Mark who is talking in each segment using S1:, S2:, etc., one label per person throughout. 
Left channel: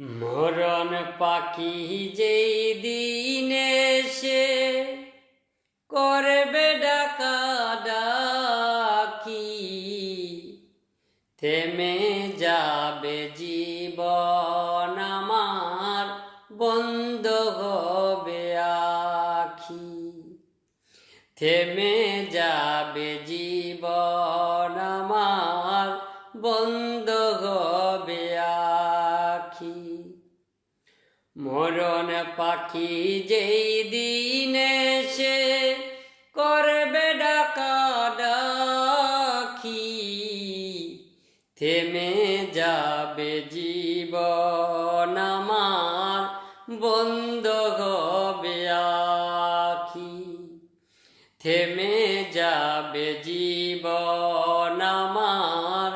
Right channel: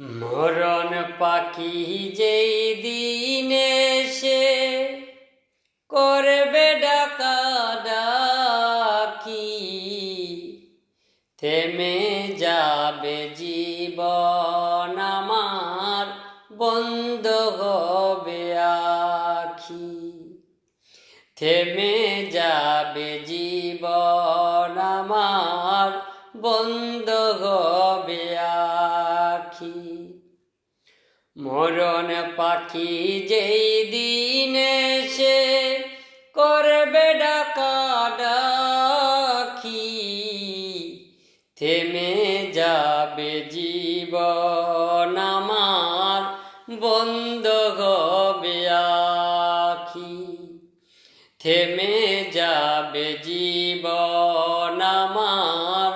S1: মরণ পাখি যেই দিনে সে করবে ডাকা ডাকি, থেমে যাবে জীবন আমার, বন্ধ হবে আখি। থেমে যাবে জীবন আমার, বন্ধ হবে মরণ পাখি যেই দিনে সে করবে ডাকা, থেমে যাবে জীবন আমার, বন্ধ হবে আখি। থেমে যাবে জীবন আমার,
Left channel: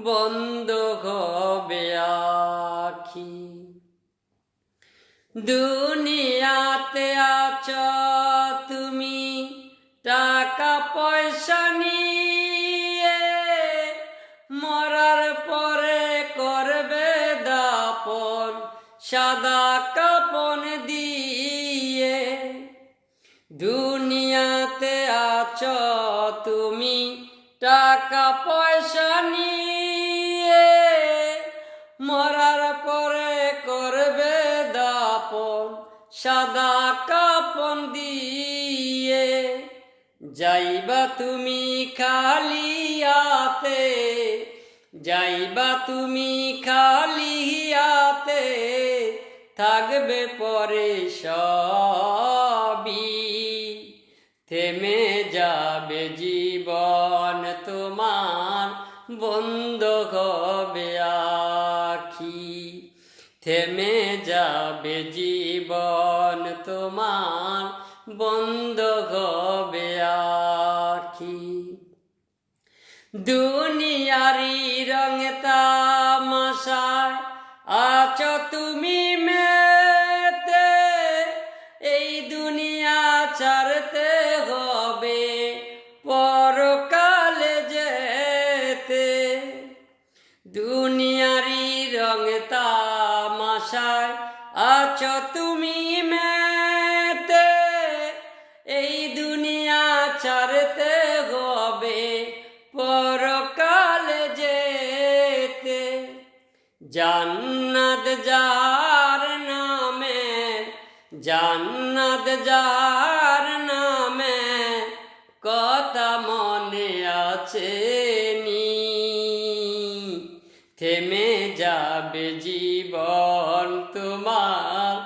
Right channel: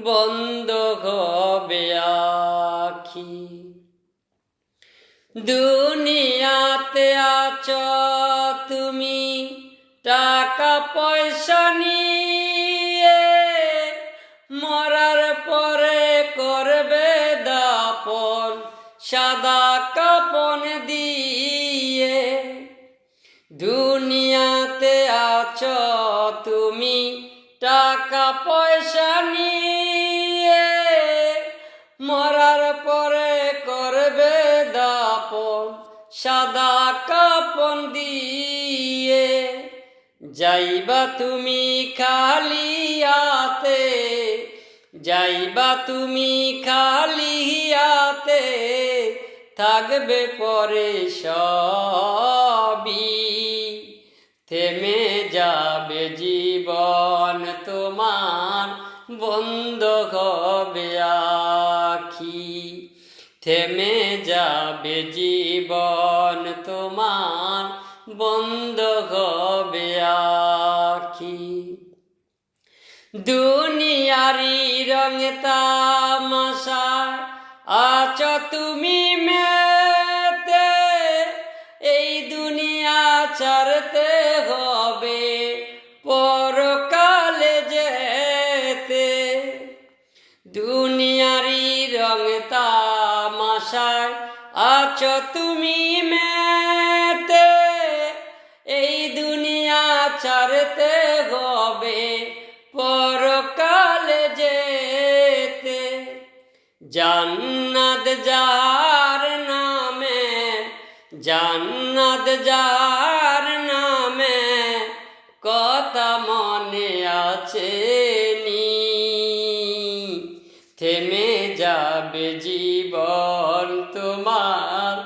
S1: বন্ধ হবে আখি। দুনিয়াতে আছ তুমি, টাকা পয়সা নিয়ে মরার পরে করবে দাপন, সাদা কাপন দিয়ে। দুনিয়াতে আছ তুমি, টাকা পয়সা নিয়ে মরার পরে সাদা কাপন দিয়ে যাইবা তুমি খালিয়াতে, যাইবা তুমি খালিয়াতে, থাকবে পরে সবই। থেমে যাবে জীবন তোমার, বন্ধ হবে আখি থেমে যাবে জীবন তোমার, বন্ধ হবে আখি। দুনিয়ারি রঙ তামাশায় আছ তুমি মেতে, এই দুনিয়া ছাড়তে হবে পরকালে যেতে। দুনিয়ারি রঙ তামাশায় আছ তুমি মেতে, এই দুনিয়া ছাড়তে হবে পরকালে যেতে। জান্নাত যার নামে, জান্নাত যার নামে কথা মনে আছে নি। থেমে যাবে জীবন তোমার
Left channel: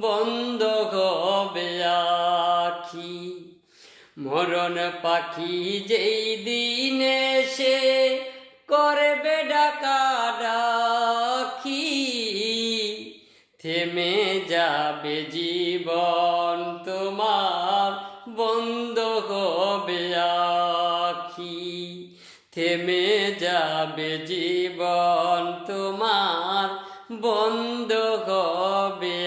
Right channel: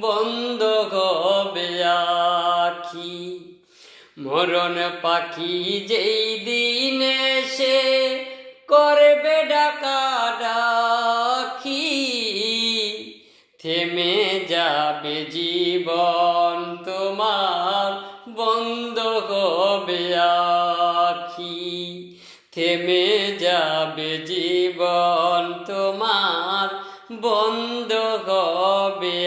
S1: বন্ধ হবে আখি। মরণ পাখি যেই দিনে সে করবে ডাকা ডাকি, থেমে যাবে জীবন তোমার বন্ধ হবে আখি। থেমে যাবে জীবন তোমার বন্ধ হবে